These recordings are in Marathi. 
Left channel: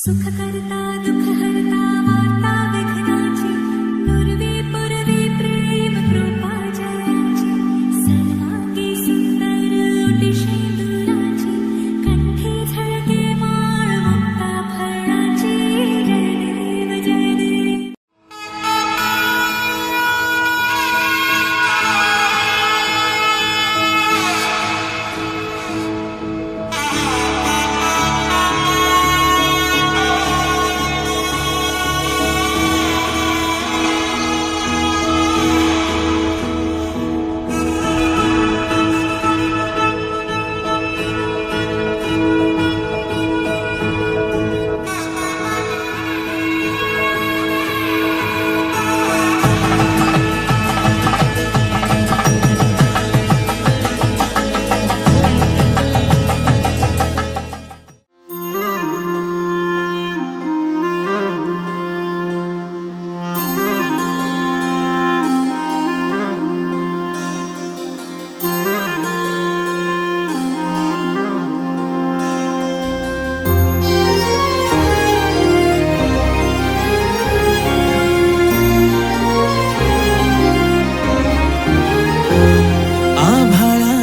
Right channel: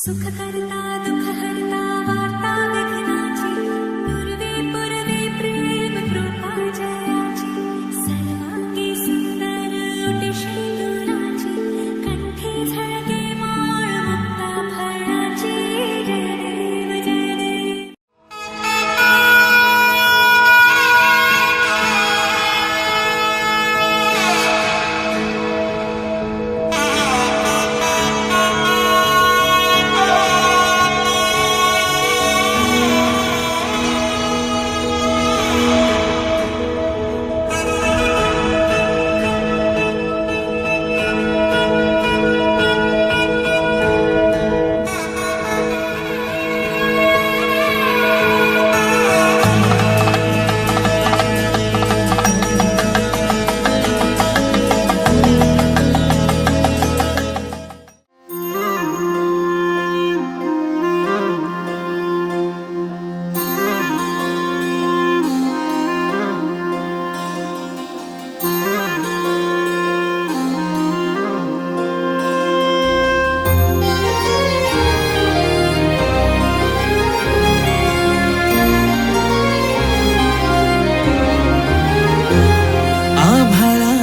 सुख करता दुःख हरता वार्ता विघ्नाची पूर्वी पूर्वी प्रेम कृपा जयाची सर्वांगी सुंदर ओटी शेंदुराची कंठी झळके माळ मुक्ता फळाची जय देव जय देव.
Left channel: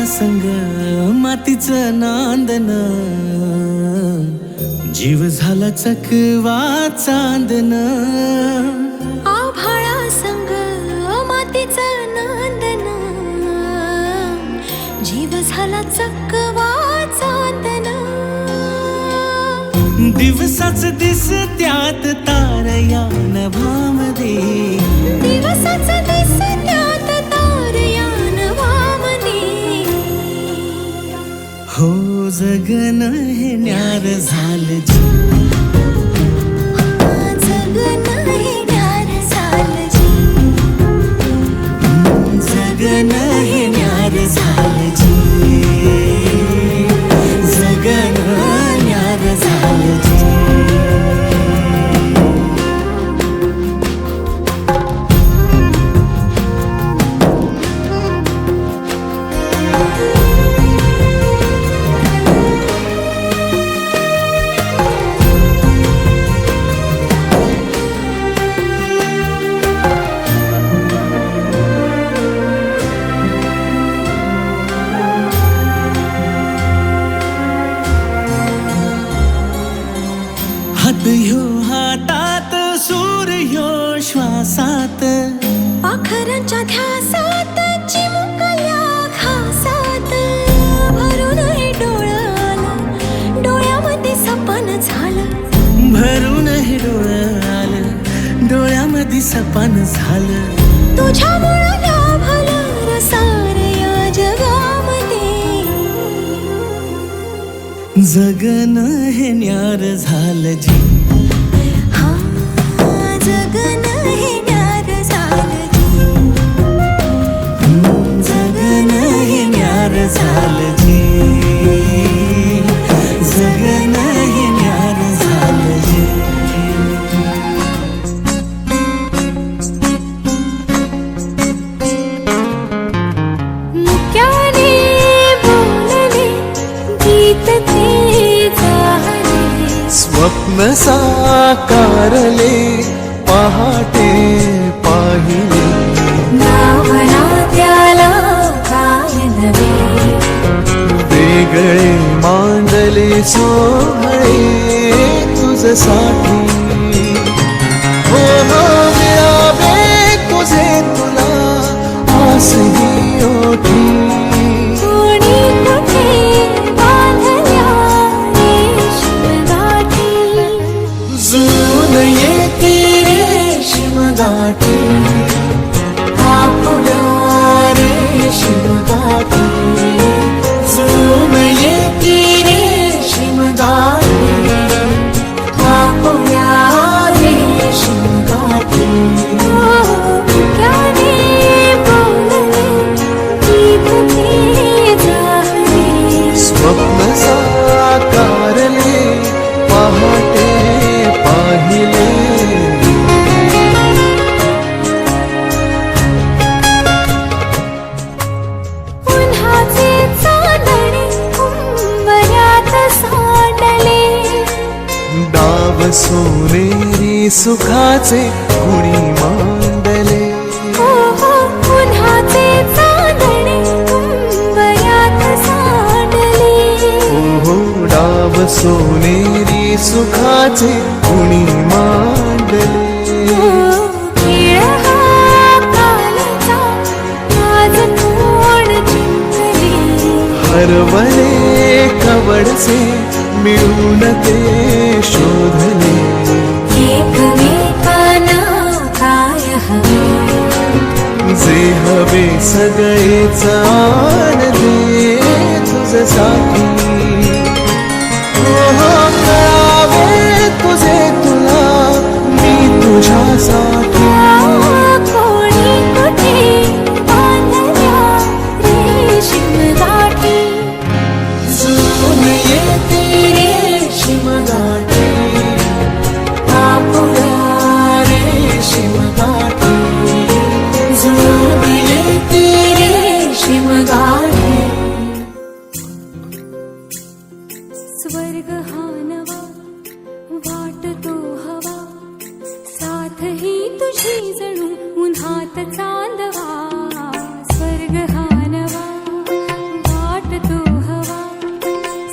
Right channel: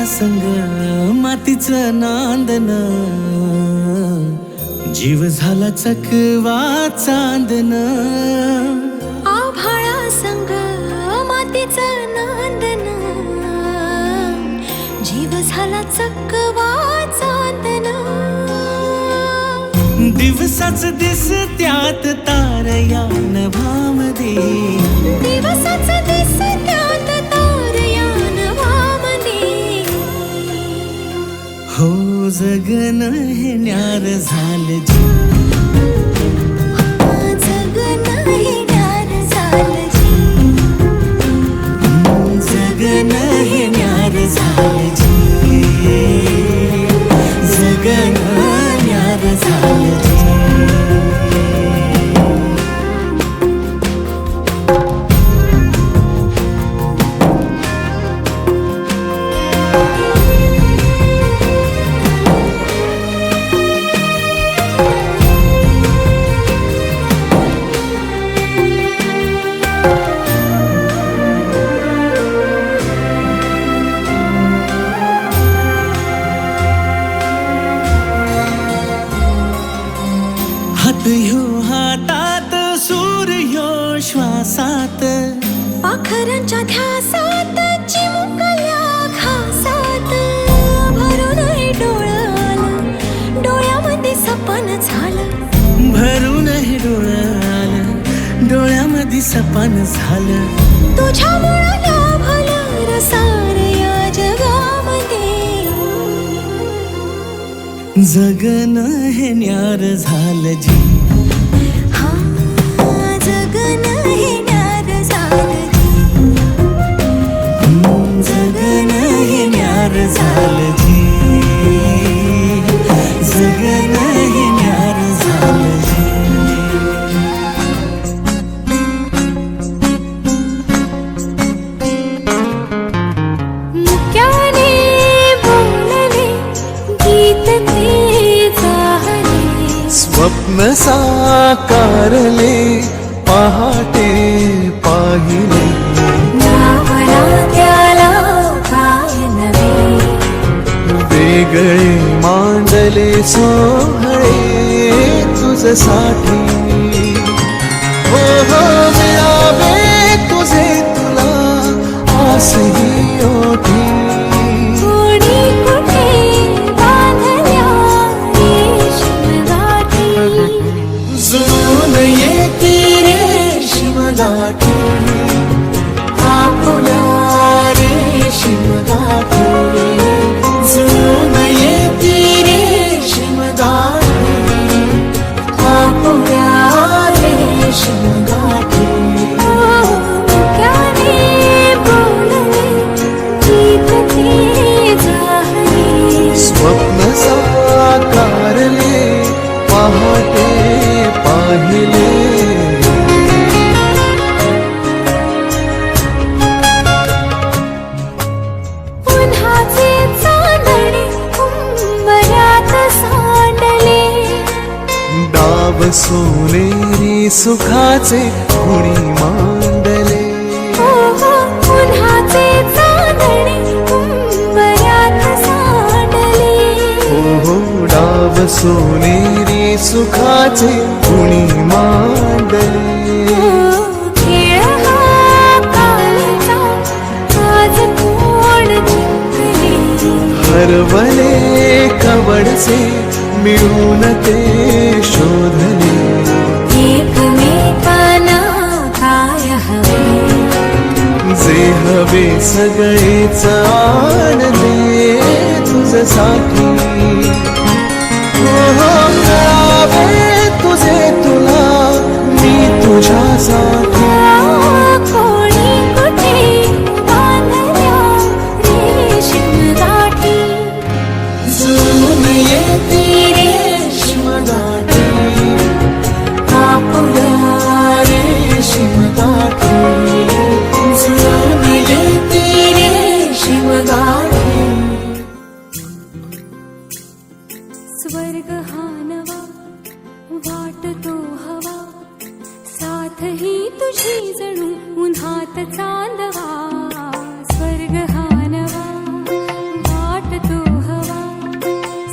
संग मातीचं नांदन जीव झाला चकवा चांदन. आभाळा संग मातीचं नांदन जीव झाला चकवा चांदन. दिवसाच दिस त्यात तारया नभामध्ये दिवसाच दिस त्यात तारया नभामध्ये. हो जगन हे न्यार झालं जी जगन हे न्यार झालं जी जगन हे न्यार झालं जी जगन न्यार झालं जी. हात ह्यो हातात सूर ह्यो श्वासात पाखरांच्या ध्यासात चिमुकल्या घासात. भरून हे डोळ्याला डोळ्यामध्ये सपन झालं भरून हे डोळं आलं डोळ्यामध्ये सपन झालं. तुझ्यामुळं लाभलं रसार या जगामध्ये. जगन हे न्यार झालं जी हा जगन हे न्यार झालं जी जगन हे न्यार झालं जी जगन हे न्यार झालं जी. मुक्याने बोलले गीत ते झाले स्वप्न साकारले पहाटे पाहिले. नावना त्याला काय नवे वेगळे मांडले सोहळे तुझसाठी. हो हो मिळावे तुझे तुला आसही ओठी. कोणी कुठे बांधल्या रेशीम गाठी. जुळून येती रेशीम गाठी आपुल्या रेशीम गाठी. जुळून येती रेशीम गाठी आपुल्या रेशीम गाठी. मुक्याने बोलले गीत ते झाले स्वप्न साकारले पहाटे पाहिले. उन्हाचे चांदणे उंबऱ्यात सांडले. डा डाव सोनेरी सुखाचे कुणी मांडले. हो हो उन्हाचे चांदणे उंबऱ्यात सांडले. हो हो डाव सोनेरी सुखाचे कुणी मांडले. खेळ हा कालचा आज कोण जिंकले. हरवले कवडसे मिळून ते शोधले. एकमेकांना काय हवे जे हवे सगळेच आणले तुझ्यासाठी. हो हो कळावे तुझे तुला मी तुझ्यासाठी. कोणी कुठे बांधल्या रेशीम गाठी. जुळून येते रेशीम गाठी आपल्या रेशीम गाठी. जुळून येते रेशीम गाठी. स्वर्ग हा नवा वाटतो हवा साथ ही तुझी जणू उन्हात चांदवा. स्वर्ग हा नवा वाटतो हवा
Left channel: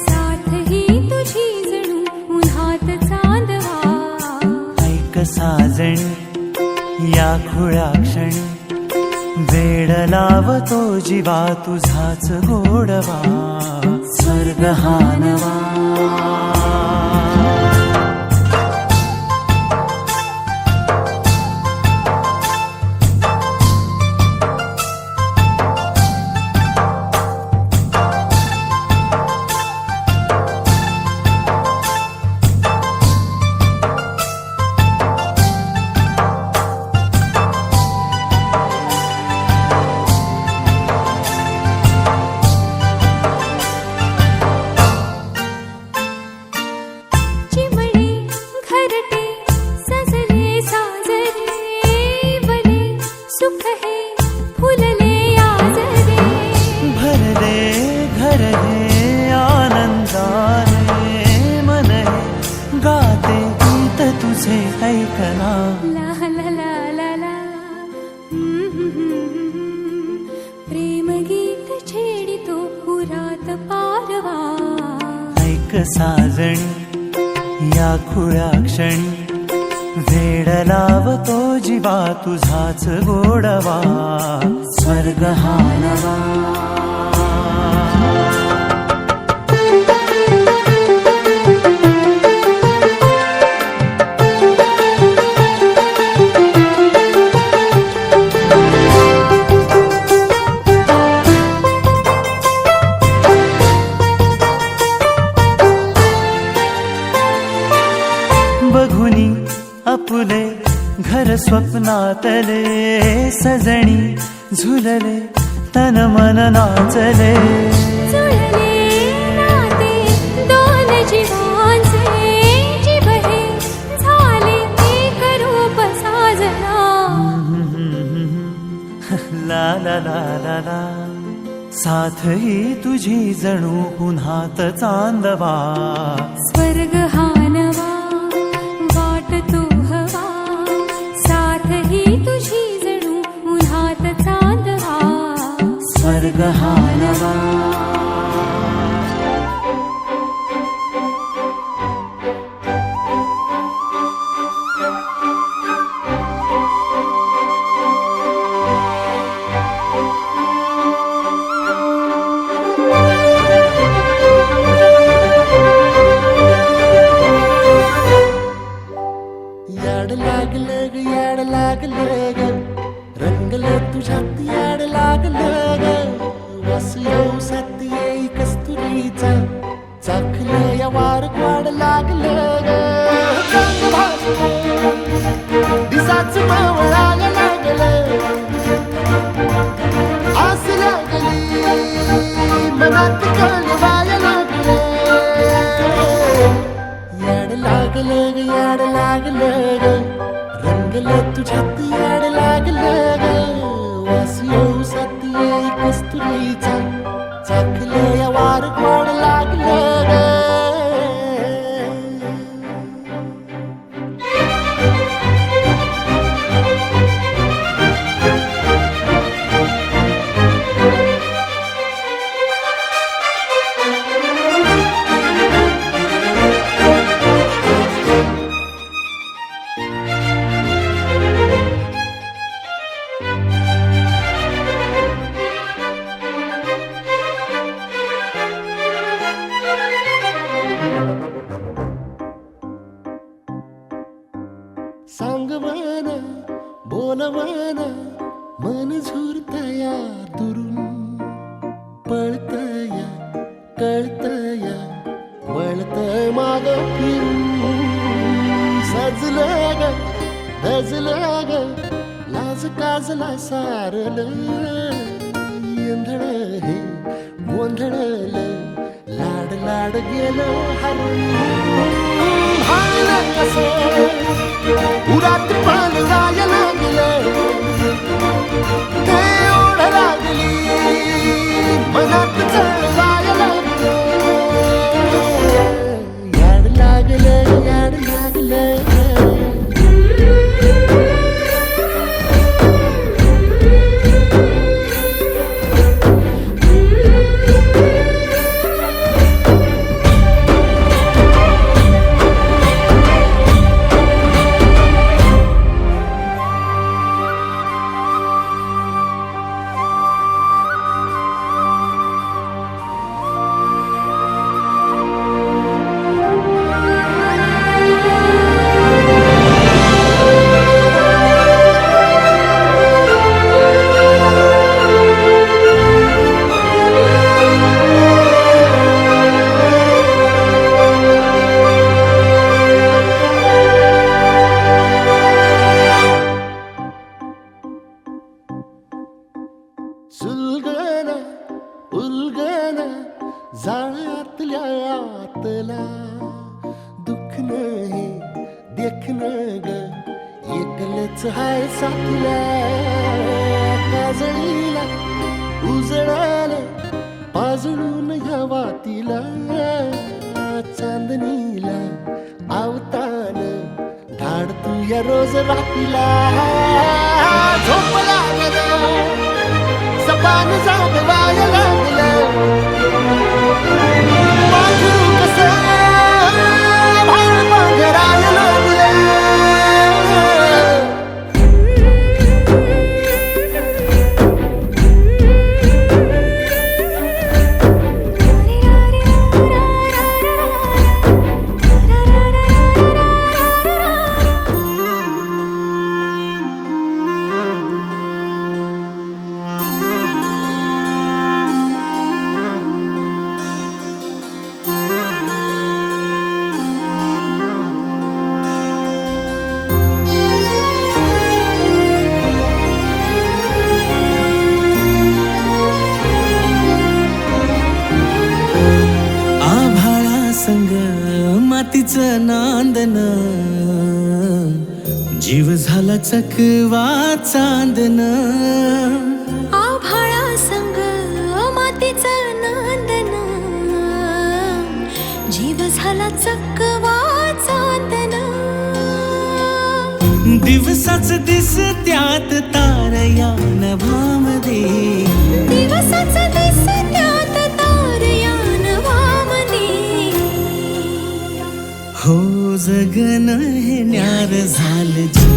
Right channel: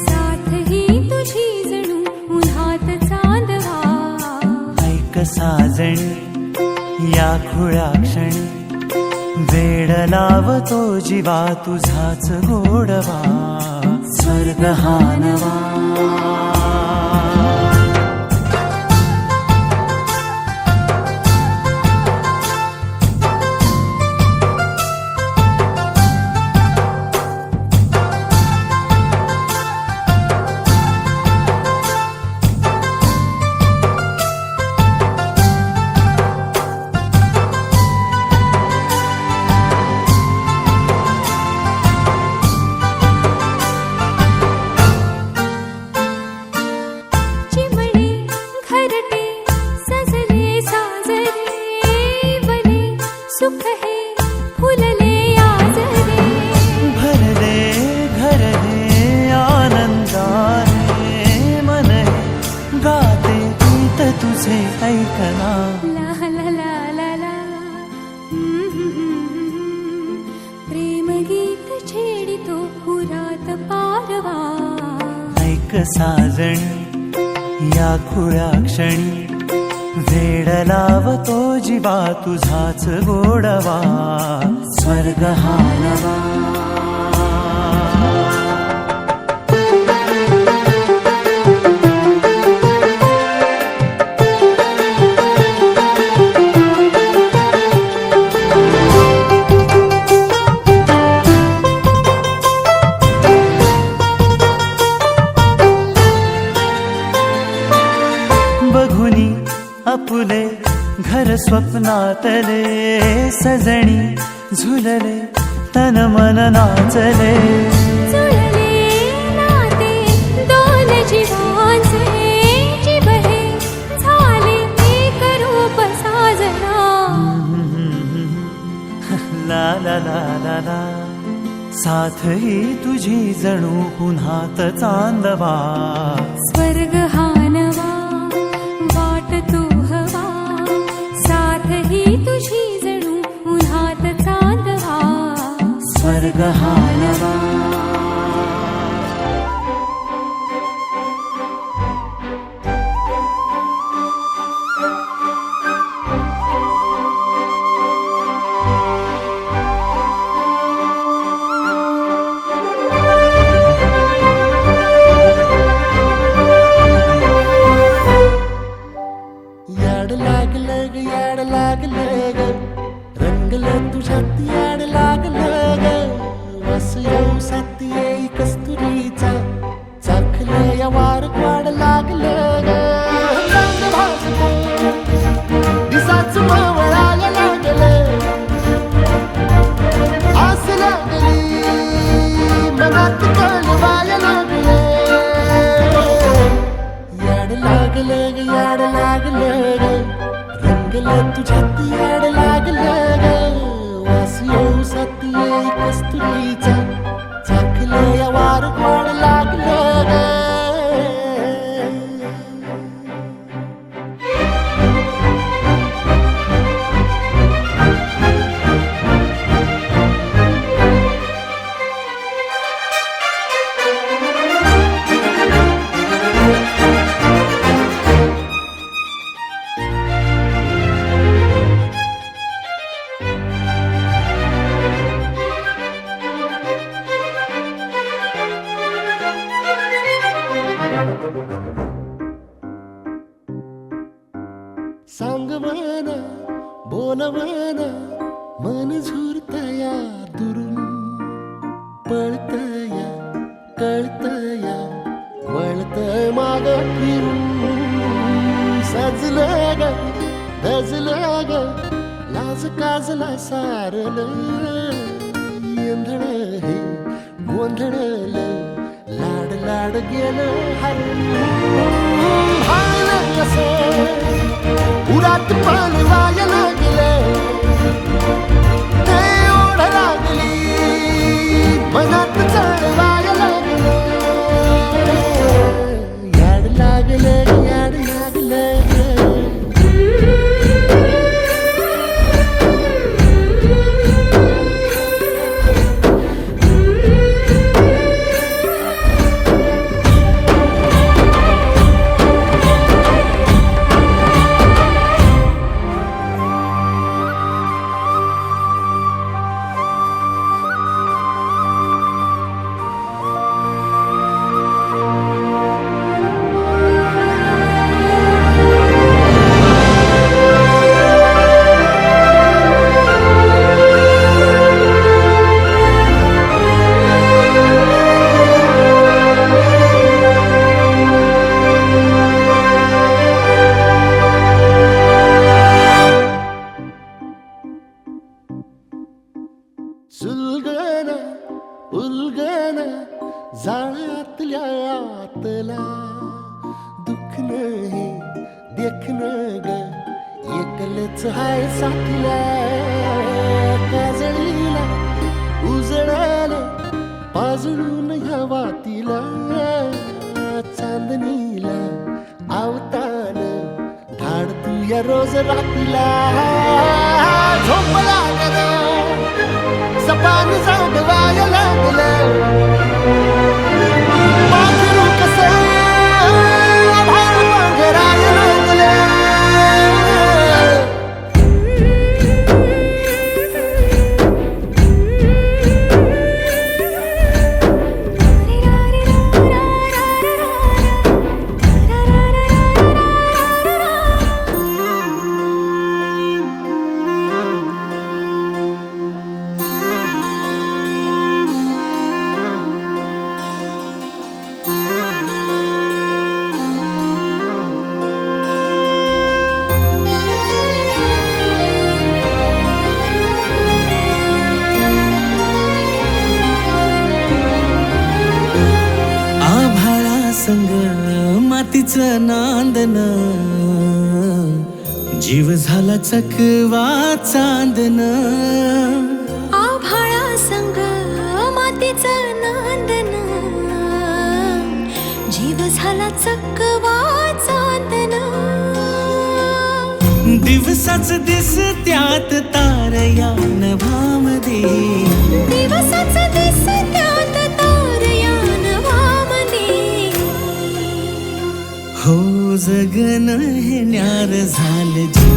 साथ ही तुझी जणू उन्हात चांदवा. ऐक साजणी या खुळ्या क्षणी वेड लावतो जीवा तुझाच गोडवा. स्वर्ग हा नवा. चिमणे घरटे सजले साजरे वले सुख हे फुलले आजरे. भरले घर हे आनंदाने मन हे गाते गीत तुझे ऐकना. ला ला ला ला ला प्रेम गीत छेडितो पुरात पारवा. ऐक साजणी या खुळ्या क्षणी वेड लावतो जीवा तुझाच गोडवा. स्वर्ग हा नवा. बघुनी आपुले घर स्वप्नातले सजणी झुलले तन मन नाचले. जुळले नाते दोन जीवांचे जीव हे झाले एक रूप साजना. ला ला ला ला ला साथ ही तुझी जणू पुन्हात चांदवा. स्वर्ग हा नवा वाटतो हवा साथ ही तुझी जणू उन्हात चांदवा. स्वर्ग हा नवा. याड लागलं ग याड लागलं ग रंगलं तुझ्यात याड लागलं ग. वास येऊ साथ येई कस्तुरीचा चाखलं या वार वाड लागलं ग. चांग भासलं दिसाच मावळायला लागलं आस लागली मनात कळवायला लागलं. याड लागलं ग याड लागलं ग रंगलं तुझ्यात याड लागलं ग. वास येऊ साथ येई कस्तुरीचा चाखलं या वार गोड लागलं ग. सांगवाना बोलवाना मन झुरतया दुरून पळतया कळतया वळतय माग फिरून सजलं ग धजलं ग लाज काजला सारलं येंधळ हे गोंधळल लाड लाड गेलं हरून भाळलं कसं उरात पान वाया लागलं ते ओढ लागली मनात चळवाया लागलं याड लागलं याड लागलं सुलगना उलगना जाळ्यातल्या आतला दुःख नाही देखण ग एकलच हाय साथीला काजळीला उजळाला पाजळून ह्या वातीला चांदणीला आवतान धाड तू या रोज रातीला झोप लागना सपान जागवाया लागलं पाखरू कसं भाळ पांघराया लागलं संग मातीचं नांदन जीव झाला चकवा चांदन आभाळा संग मातीचं नांदन जीव झाला चकवा चांदन दिवसाच दिस त्यात तारया नभामध्ये दिवसाच दिस त्यात तारया नभामध्ये हो जगन हे न्यार झालं जी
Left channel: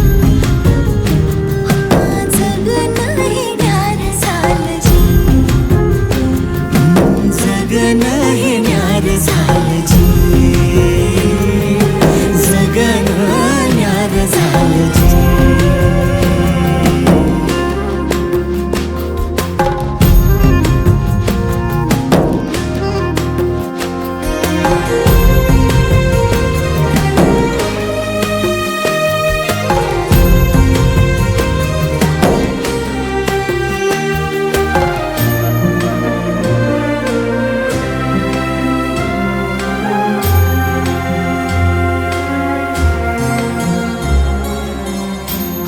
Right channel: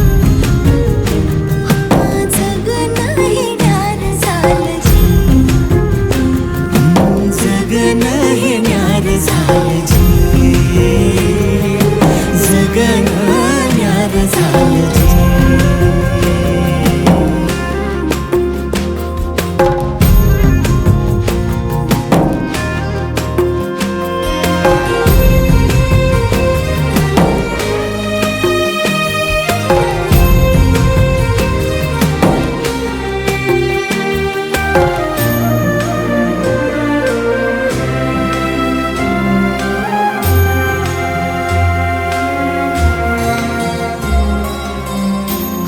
जगन हे न्यार झालं जी जगन हे न्यार झालं जी जगन न्यार झालं जी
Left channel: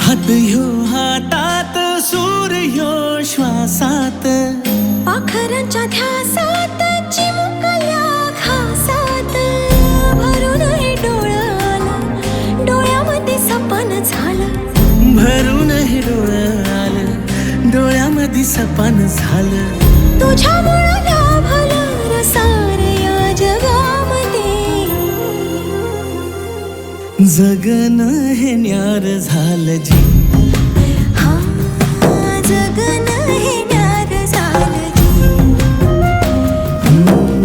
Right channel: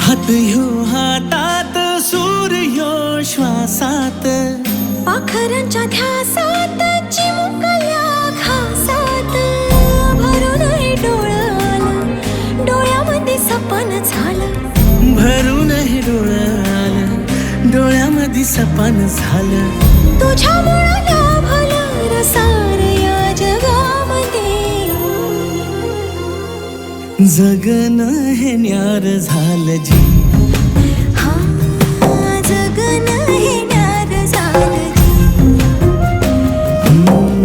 हात ह्यो हातात सूर ह्यो श्वासात पाखरांच्या ध्यासात चिमुकल्या घासात भरून हे डोळ्याला डोळ्यामध्ये सपन झालं भरून हे डोळ्याला डोळ्यामध्ये सपन झालं तुझ्यामुळं लाभलं रसार या जगामध्ये जगन हे न्यार झालं जी हा जगन हे न्यार झालं जी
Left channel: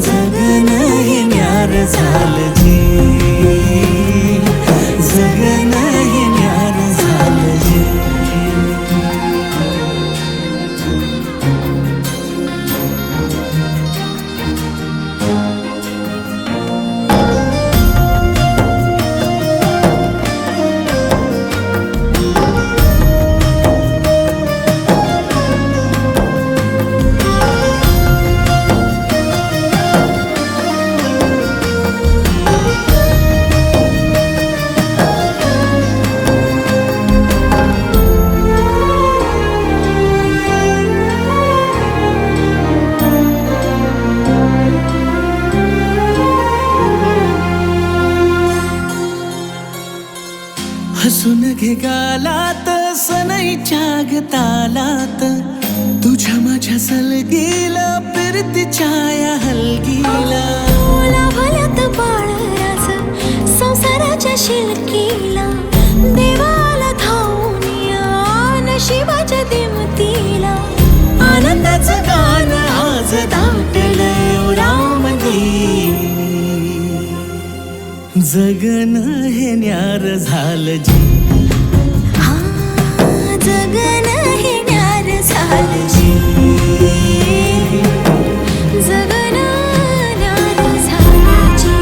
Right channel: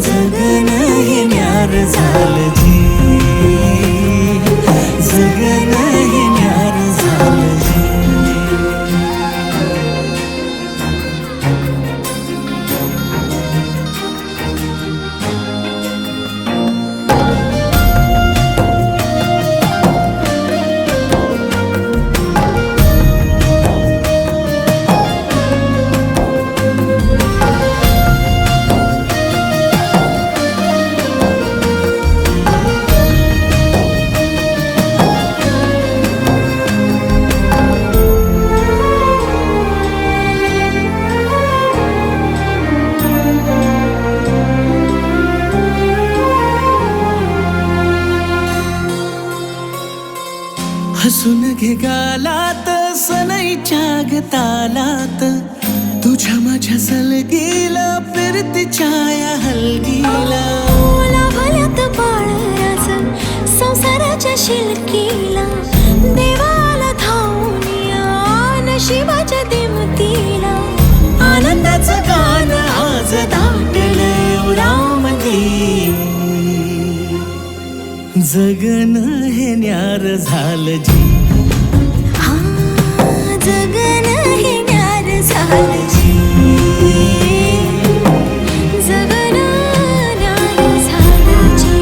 जगन हे न्यार झालं जी जगन हे न्यार हसून घे गालात सनईच्या ग तालात, तुझ्या माझ्या सलगीला फिरतीच्या या हलगीला. ओला भल्यात बाळराज संसाराच्या शिलकीला, देवाला धावून या नशिबाच्या दिमतीला. आनंदाचं गाण आज दाटलंय उरामध्ये, जगन हे न्यार झालं जी. हा जगन हे न्यार झालं जी, जगन न्यार झालं जी.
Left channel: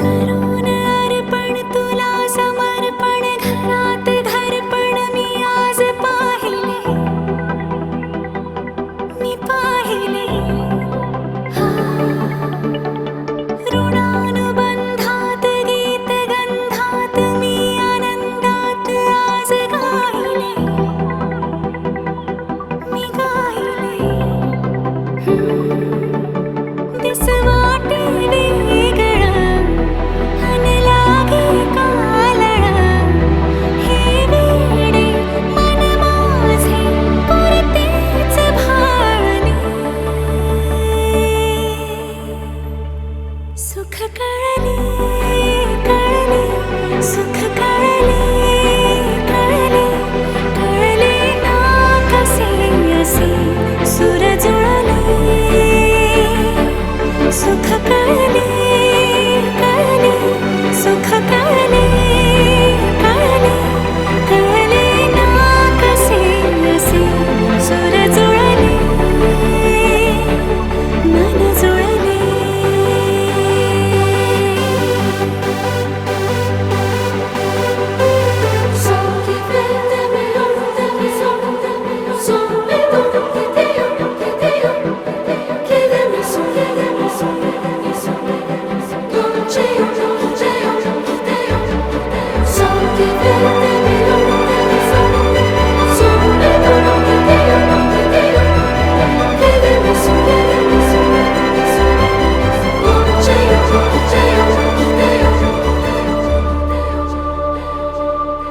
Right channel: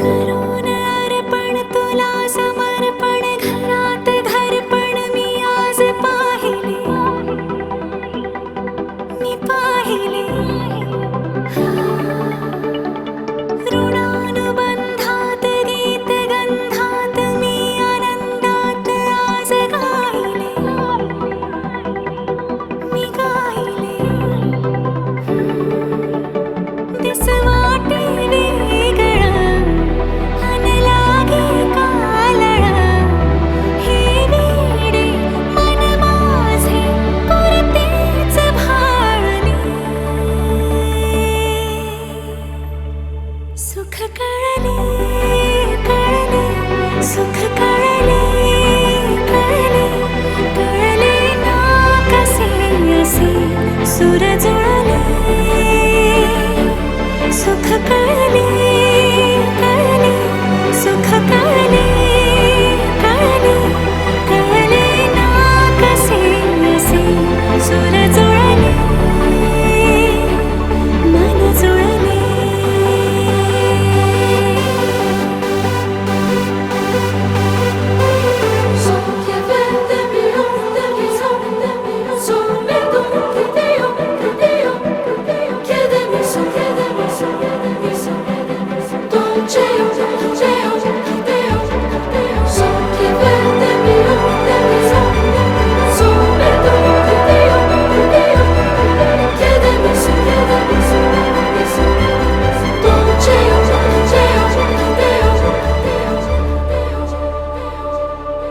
करून अर्पण तुला समर्पण, घरात घरपण मी आज पाहिले, मी पाहिले. ऋणानुबंधात गीत गंधात मी आनंदात आज गायले, मी गायले. दिस वाटे वेगळं अन लागे कालळं, हे वेडे मन माझे पुरतेच भाळले. सुख कळले कळले, सुख कळले कळले, कळले ना कसे असे सुर जुळले. सुख कळले कळले, सुख कळले कळले, कळले ना कसे असे सुर जुळले, मन जुळले.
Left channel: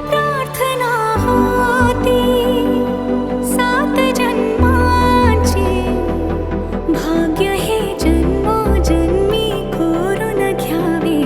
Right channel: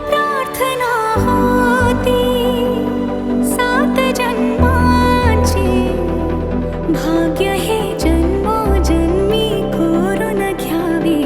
प्रार्थना होती 7 जन्माची, भाग्य हे जन्मोजन्मी कोरून घ्यावे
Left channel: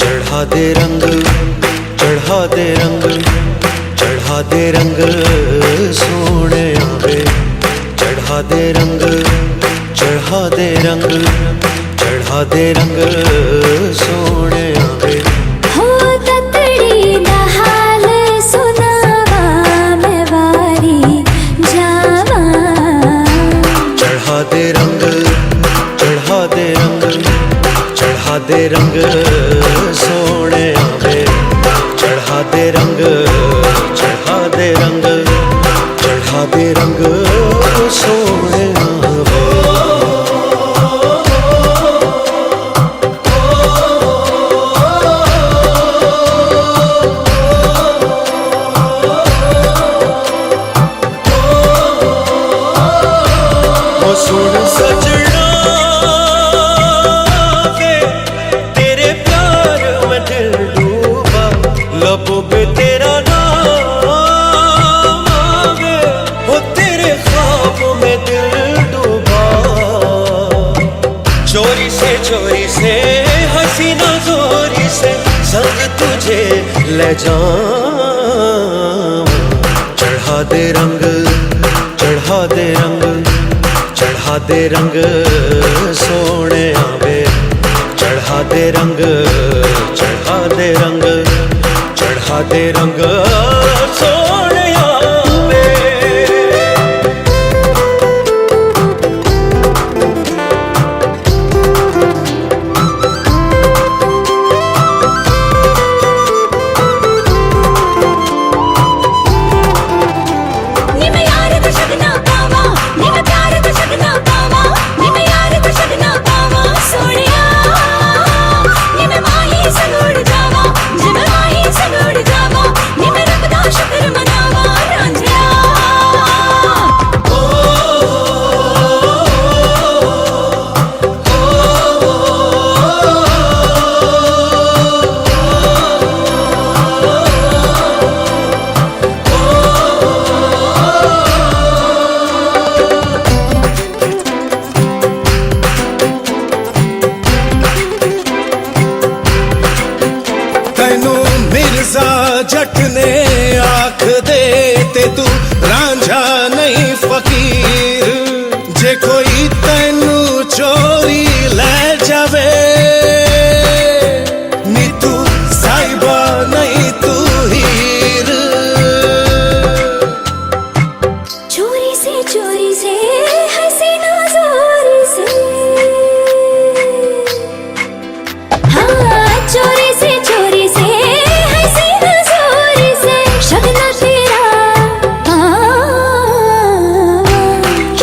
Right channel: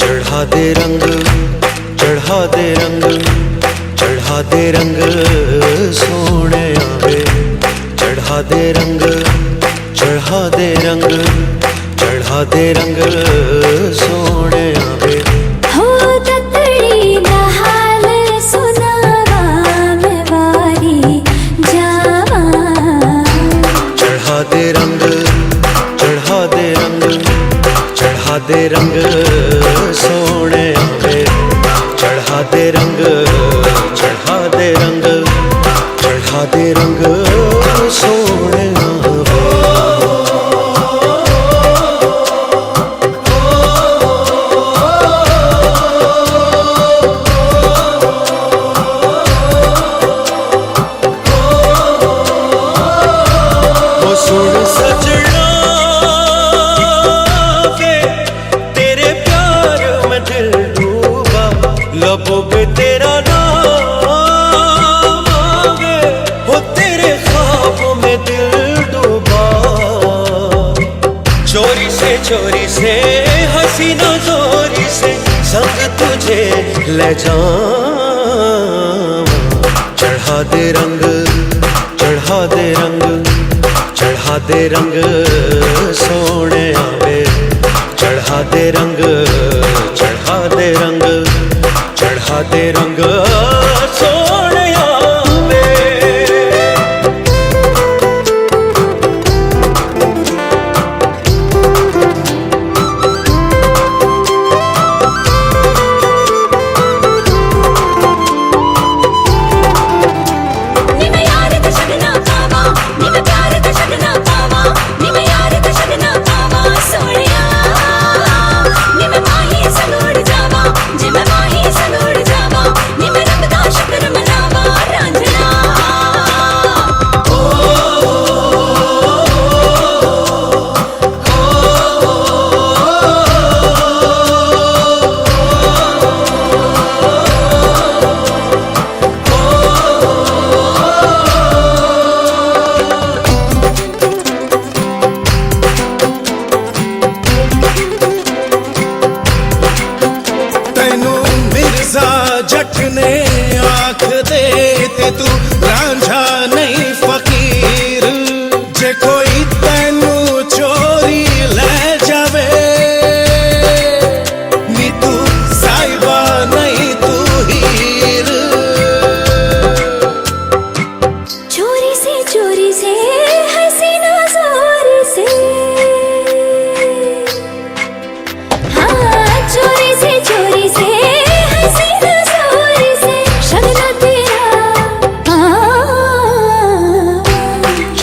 चढ़ा दे रंग चढ़ा दे रंग चढ़ा दे रंग सोने आवे चढ़ा दे रंग चढ़ा दे रंग चढ़ा दे रंग सोने आवे हो ततड़ी दा हाल सुनावा मैं वारी जावा चढ़ा दे रंग चढ़ा दे रंग चढ़ा दे रंग सोने आवे चढ़ा दे रंग चढ़ा दे रंग चढ़ा दे रंग सोने आवे ओ सुन सजना वे तेरे प्यार में दिल डूबा लबों पे तेरा नाम आवे हो तेरे ख्वाबों में दिल डूबा चोरी से हसीना जोरी से संग तुझे ले जाऊं चढ़ा दे रंग चढ़ा दे रंग चढ़ा दे रंग सोने आवे चढ़ा दे रंग चढ़ा दे रंग चढ़ा दे रंग सोने आवे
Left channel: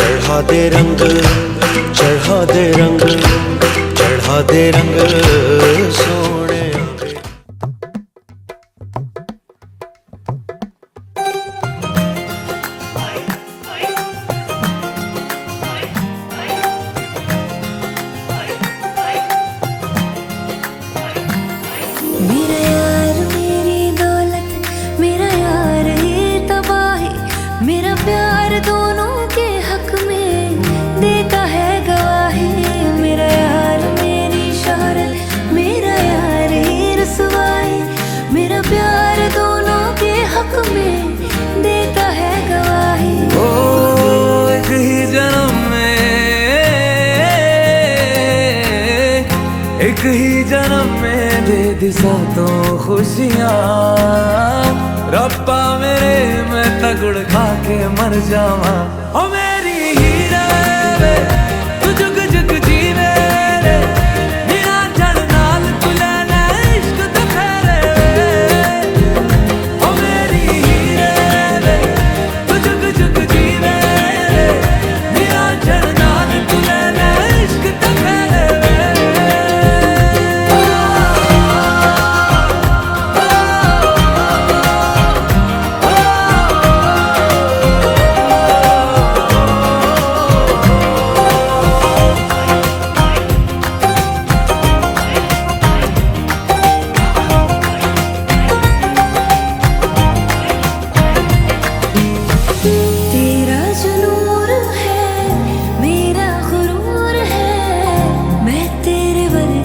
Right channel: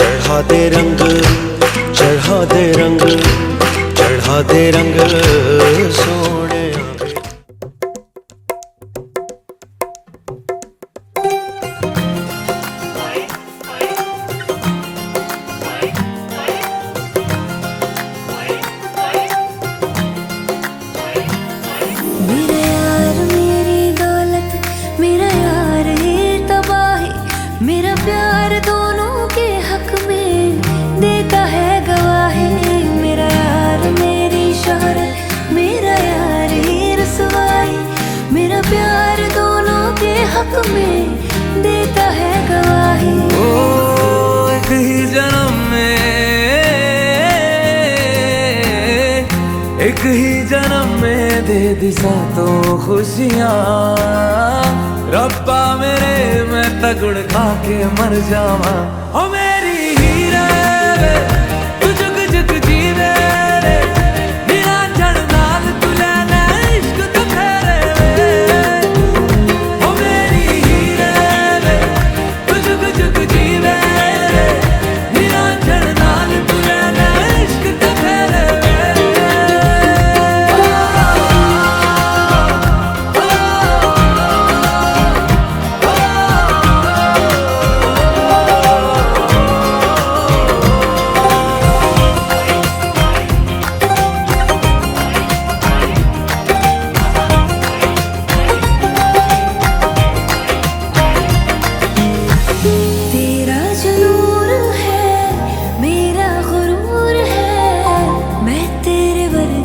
चढ़ा दे रंग चढ़ा दे रंग चढ़ा दे रंग सोने आवे मेरा यार मेरी दौलत मेरा यार ये तबाही मेरा प्यार दोनों के हक में देता है गवाही मेरा यार मेरी शोहरत मेरा यार ही रसवाई मेरा प्यार दोनों के हक में देता है गवाही ओ एक ही जन्म में एक ही जन्म में दे दी सातों खुशियाँ रब्बा मेरे मैं तगड़ खा के मर जावा ओ मेरी हीरे वे तू जुग जुग जीवे रे निरंजन नाल तू ले ले इश्क तो फेरे वे ओ मेरी हीरे वे तू जुग जुग जीवे रे निरंजन नाल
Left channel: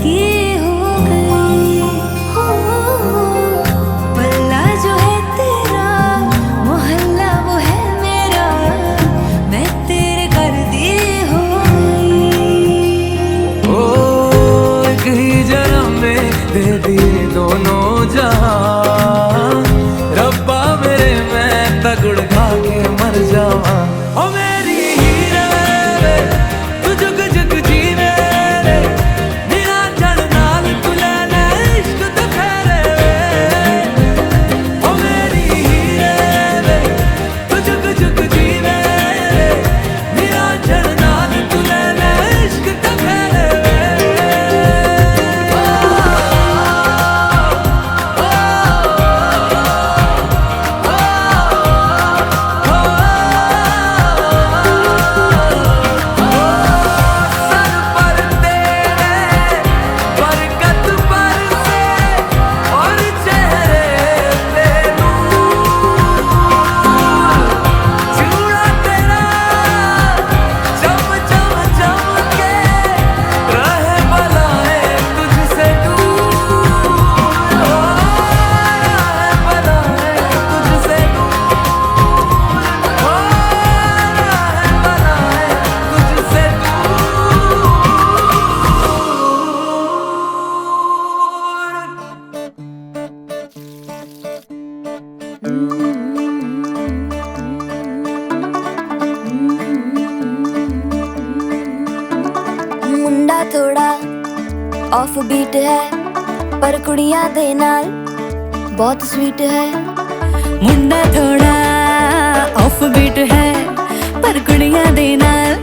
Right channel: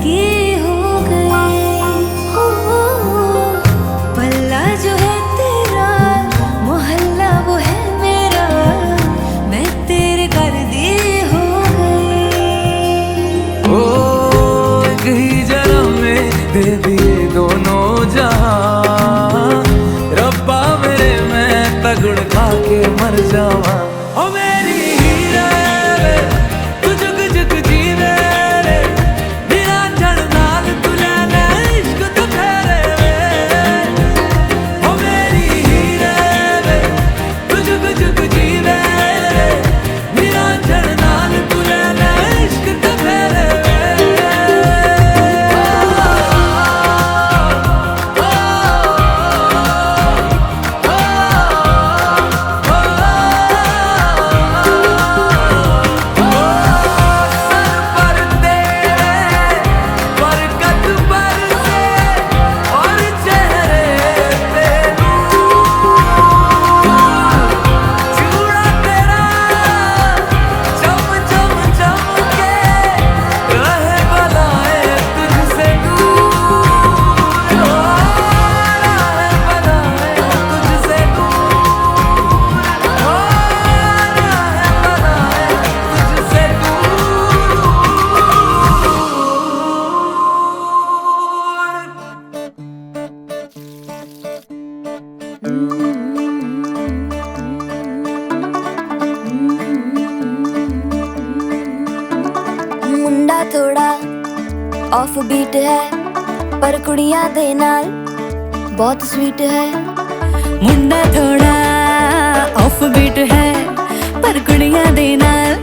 की हो गई हो। पल्ला जो है तेरा, मोहल्ला वो है मेरा, मैं तेरे कर दी हो गई। ओ एक ही जन्म में दे दिए दोनों जहां, रब्बा मेरे मैं तगड़ खा के मर जावा। ओ मेरी हीरे वे तू जुग जुग जीवे रे, निरंजन नाल तू ले ले इश्क ते फेरे वे। ओ मेरी हीरे वे तू जुग जुग जीवे रे, निरंजन नाल तू ले ले इश्क ते फेरे वे। मुंडा थोड़ा ऑफ बीट है, पर कुड़ियां दे नाल बहुत स्वीट है। मुंडा थोड़ा ऑफ बीट है, पर कुड़ियां दे नाल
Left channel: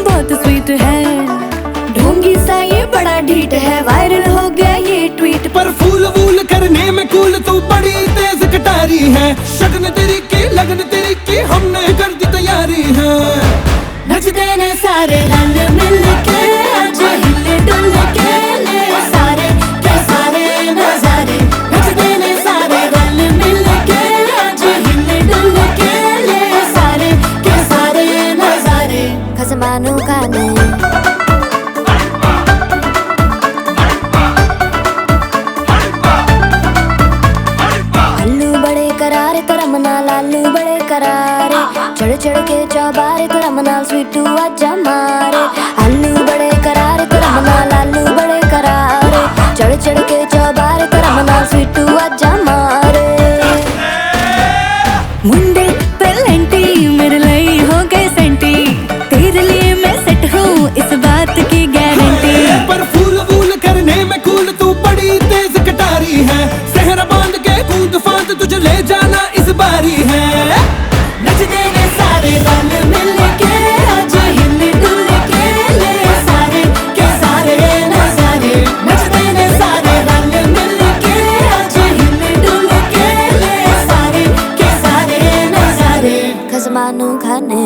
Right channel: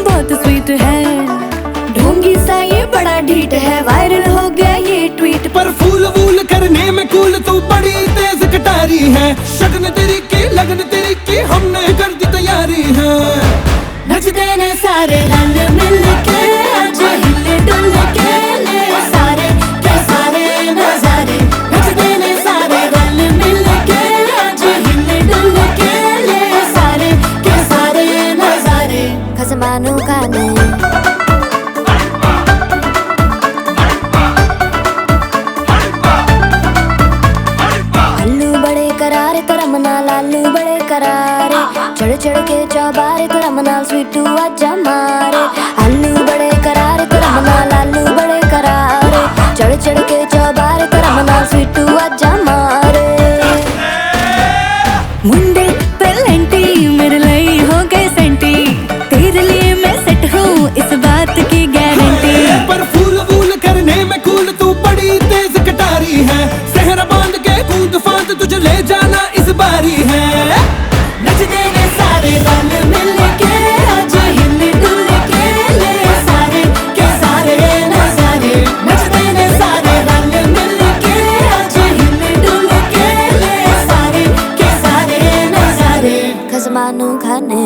बहुत स्वीट है। ढोंगी सा ये बड़ा ढीठ है, वायरल हो गया ये ट्वीट। पर फूल वूल करने में कूल तू बड़ी तेज कटारी है, शगन तेरी की लगन तेरी की हमने कर दी तैयारी है। नचते ने सारे रंग मिल के, आज हिले डुल के ले सारे के सारे नजारे। नचते ने सारे रंग मिल के, आज हिले डुल के ले सारे के सारे नजारे। खसमानों का ने करारे तेरा मना लालू बड़े करारे, चढ़ चढ़ के चौबारे तेरा मना स्वीटू आजा मारे। आलू बड़े करारे तेरा मना लालू बड़े करारे, चढ़ चढ़ के चौबारे तेरा मना स्वीटू आजा मारे। मुंडे पेलेंटी मेरे लिए हो गए सेंटी, तेरे लिए मैं सेट हूँ इस बात की गारंटी। पर फूल वूल करने में कूल तू बड़ी तेज कटारी है, सहरा बांध के कूद फांद तुझे ले जाना इस बारी है। नचते ने सारे रंग मिल के, आज हिले डुल के ले सारे के सारे नजारे। नचते ने सारे रंग मिल के, आज हिले डुल के ले सारे के सारे नजारे। खसमानू खाने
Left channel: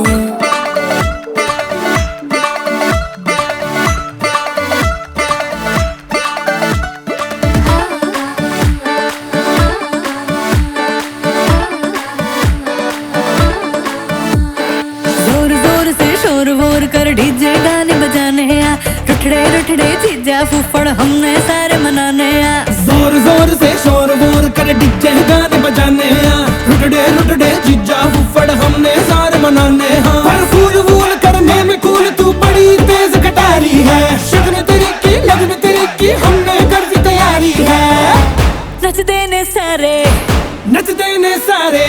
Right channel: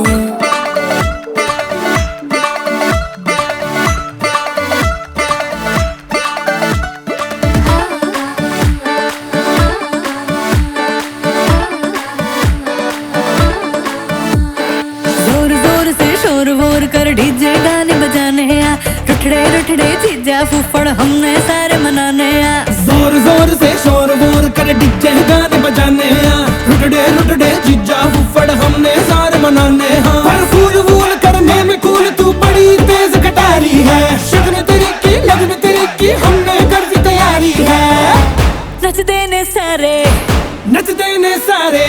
कर डीजे गाने बजाने आ, रुठड़े रुठड़े चीजा फूफड़ हमने सारे मनाने आ। जोर जोर से शोर वोर कर डीजे गाने बजाने आ, रुठड़े रुठड़े चीजा फुफड़ हमने सारे मनाने हाँ। पर फूल वूल करने में कूल तू बड़ी तेज कटारी है, शगन तेरी की लगन तेरी की हमने कर दी तैयारी है। नचते ने सारे नचते ने सारे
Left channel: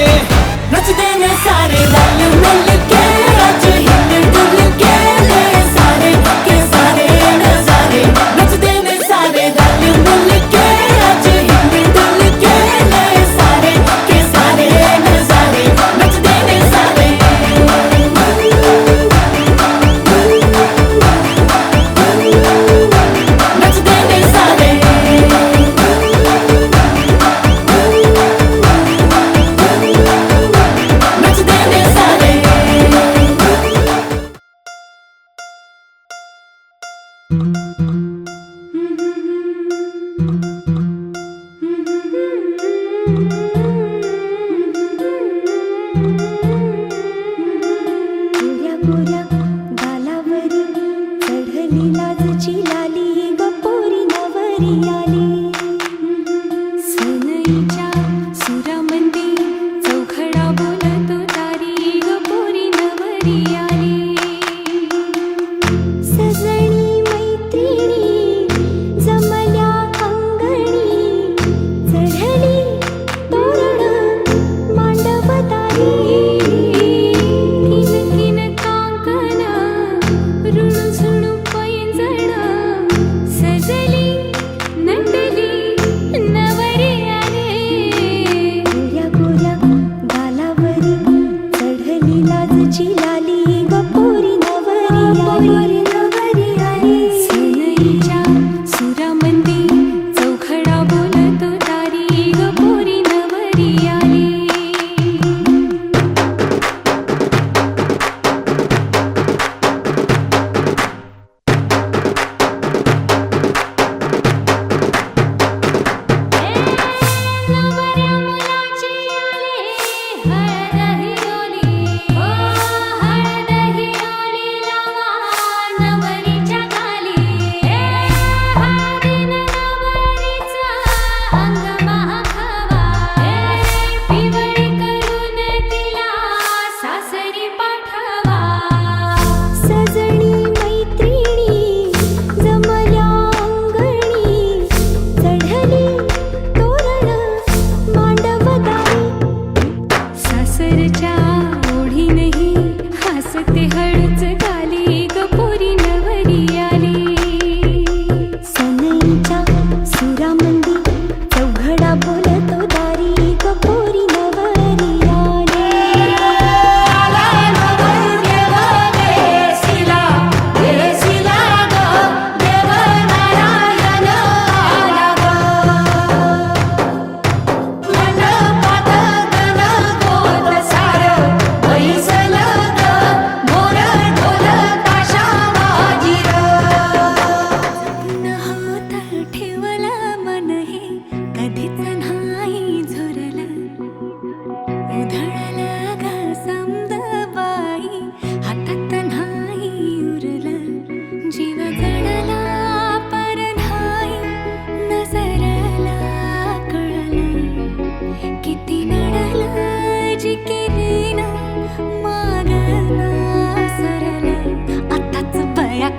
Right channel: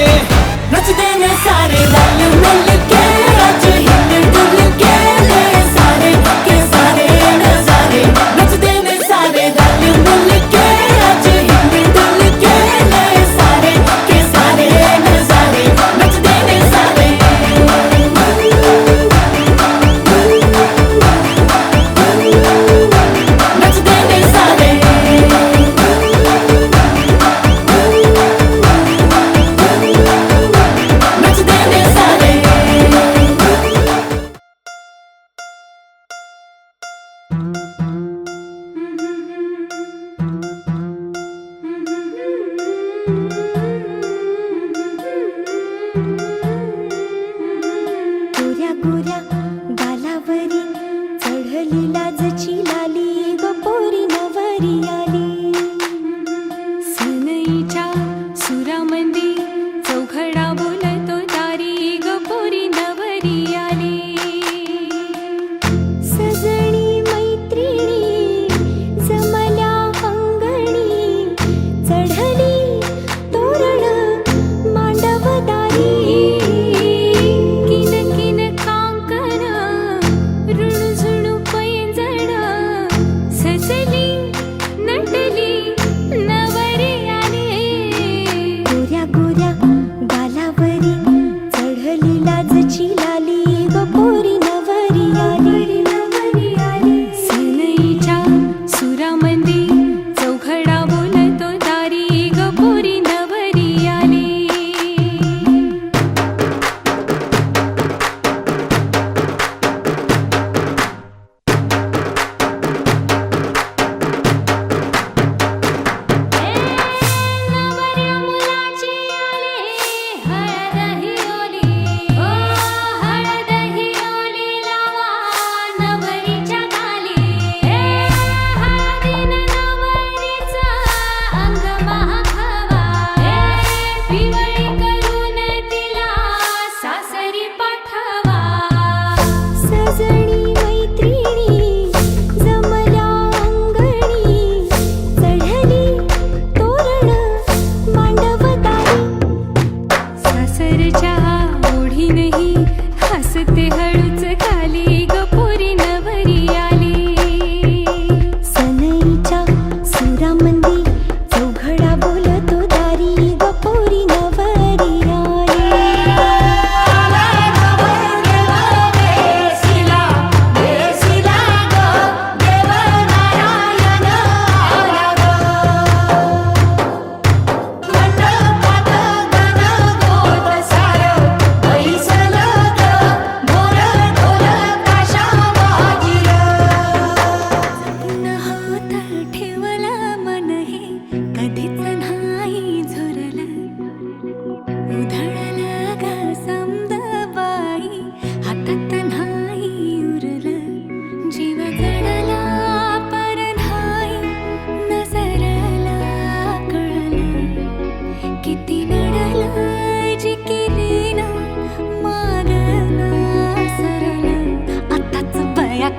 नचते ने सारे रंग मिल के, आज हिले डुल के ले सारे के सारे नजारे। नचते ने सारे रंग मिल के, आज हिले डुल के ले सारे के सारे नजारे। नचते ने सारे नचते ने सारे गोऱ्या गोऱ्या गालावरी चढली लाजची लाली ग पोरीना। या